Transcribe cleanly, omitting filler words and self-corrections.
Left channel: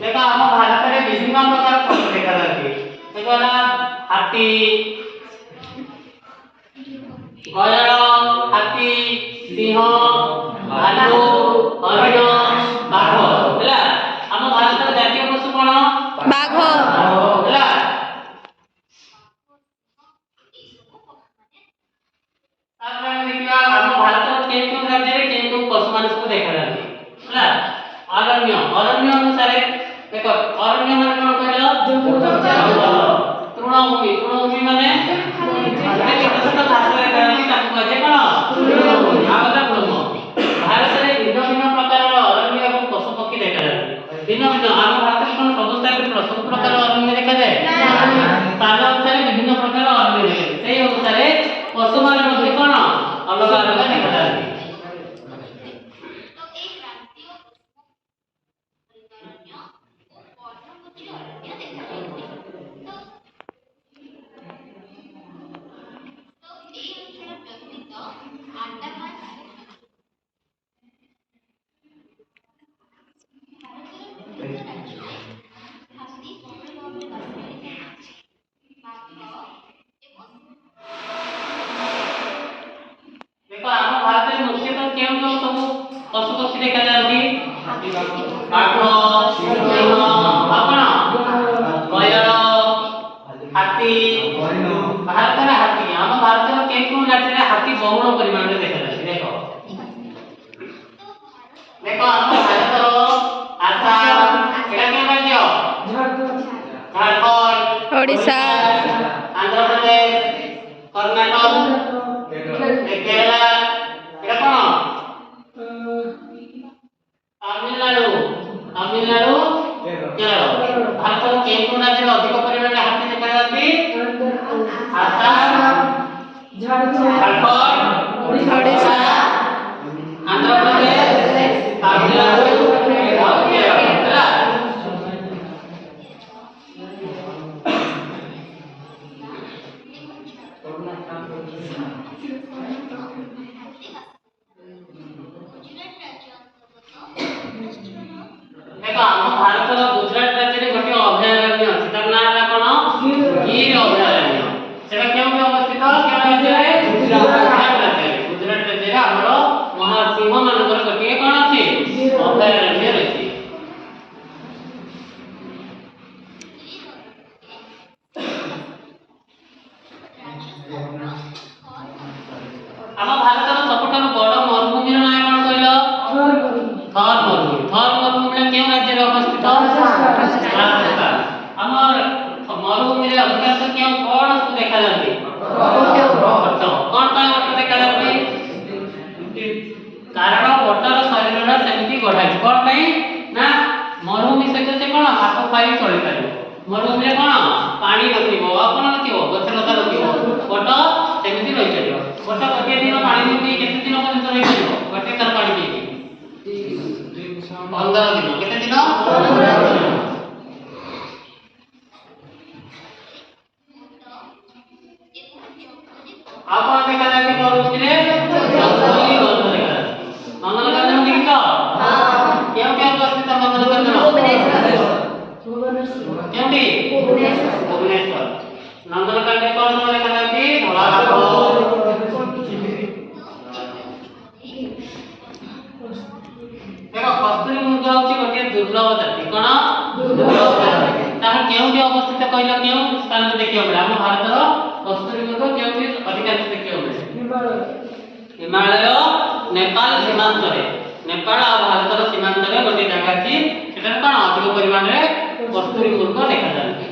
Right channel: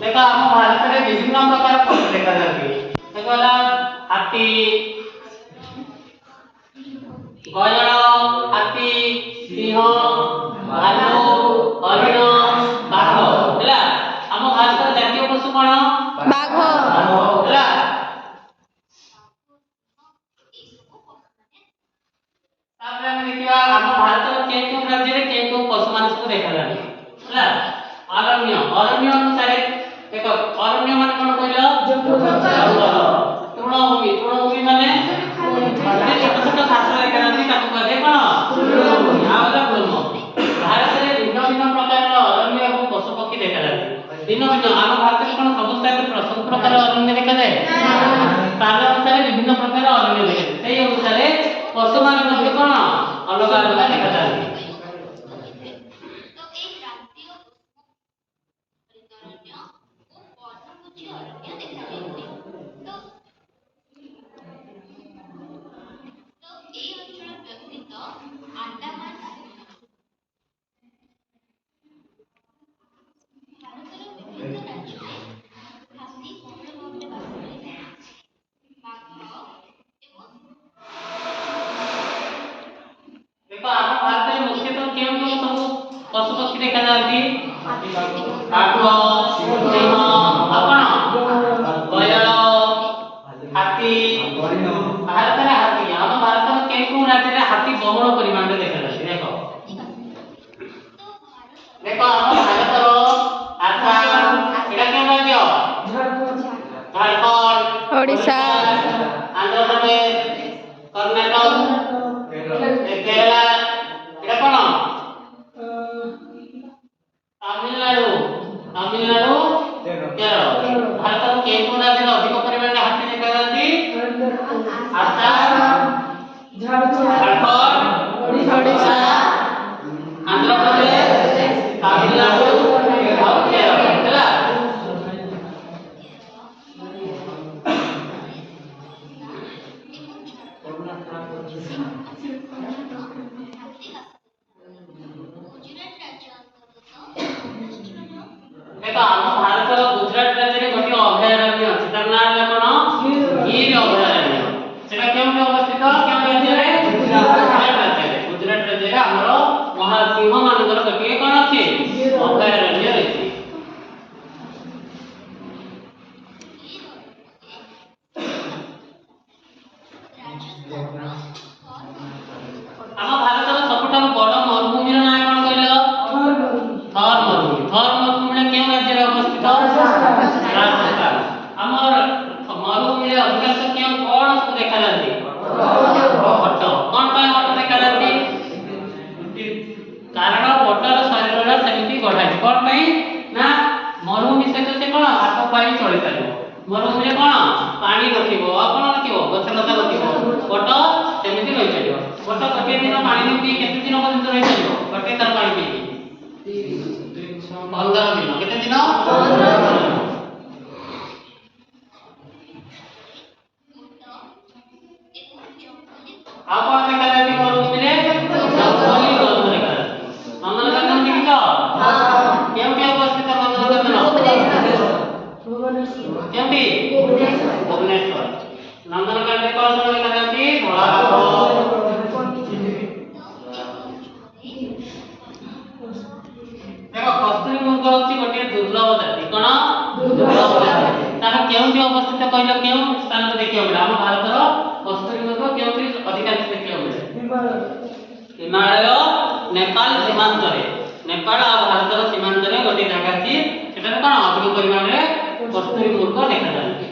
देखो हम भारत में विभिन्न प्रकार पशु देखा जाती है। देखो ना हाथी, गयल, हाथी, सिंह, भालू, हरिण, बाघ हैला। हम भारत में जातीय पशु कोन? बाघ। हैला। तापर हम देखिबा हम भारत में केउ राज्य रे केउ पशु माने सब देखा जाती हैला। अरण्य अरण्य अनुसार देखो अरण्य माने कोन कहलो? जंगल। तृणभूमि माने जे छोट छोट घास देखा जाती ताको कहते कोन? तृणभूमि। आगला ब्रह्म। भारत में भिन्न भिन्न प्रकार अरण्य एवं पशु पक्षी देखा जाती। भिन्न भिन्न हम भारत में कोन समस्त सब प्रकार अरण्य देखा जाए? स्थान अनुसार विभिन्न प्रकार अरण्य देखा जाए। सेही अनुसार पशु माने मध्ये कोन अलग अलग देखा जाती। देखो हम भारत में मुख्यतः केउं केउं सब पशु पक्षी देखा जाती? बाघ, सिंह, आपण, गयल, हाथी। भारत में हाथी हम भारत में केउं राज्य में हाथी बहुल परिमाण में देखा जाती। देखो देखो हम भारत रो आसाम एटा केउं राज्य? झारखंड, ओडिशा, आंध्र प्रदेश, कर्नाटक, केरला एटा कोन? तमिलनाडु, केरल। भारत में केउं राज्य में अधिक परिमाण में हाथी देखा जाती? आसाम, झारखंड, ओडिशा, आंध्र प्रदेश, तमिलनाडु और केरल हैला। देखो हम भारत गुजरात राज्य में गोटे अभयारण्य अछि तार नाम है कोन? गिर अभयारण्य। सेटा केउं के अवस्थित? केउं राज्य रे? गुजरात राज्य रे। गुजरात राज्य रे हमरो महासिंह मानकर गोटे कोन अछि? अभयारण्य अछि। हम भारत रो सबठारु बड़ मरुभूमि रो नाम कोन कहलो? थर मरुभूमि। थर मरुभूमि केउं राज्य रे अवस्थित? राजस्थान। हमर मरुभूमि रे अधिकांश केउं कोन सब देखा जाती? ओट। कोन का ओट देखा जाती? कारण ओटर शरीर रो सेमति गढा छै। कोन पई ना मरुभूमि सहित से कोन हाथ पाई चली पारिबो। मरुभूमि रे कोन पानी नथिबो, कोन नथिबो, गछ लता नथिबो। ओट सेमति रहि परिबो। ओट गोटे दिन पानी पी केते दिन पर्यंत रहि परिबो? गोटे थर पानी पी 15 दिन। केते दिन? 15 दिन। आपण देखा जाती मरुभूमि रे जंगली गछ देखा जाती। नंदनकानन देखिछ? हां। केउठी अवस्थित नंदनकानन? केउठी? भुवनेश्वर। नंदनकानन कोन कोन देखा जाती? धला बाघ। देखो कस्तूरी मृग होची गोटे दुर्लभ जाति। कोन? दुर्लभ जाति। ताहा केउठी अवस्थित कहलो? केउ स्थान को देखियो बला हम भारत रो कस्तूरी मृग केउठी अधिकांश देखियो बला? हिमालय, नेपाल सीमांत रे। नेपाल और भारत रो सीमांत रे गोटे जगह अछि। सेटा कोन अधिक परिमाण रे कस्तूरी मृग देखा जाती।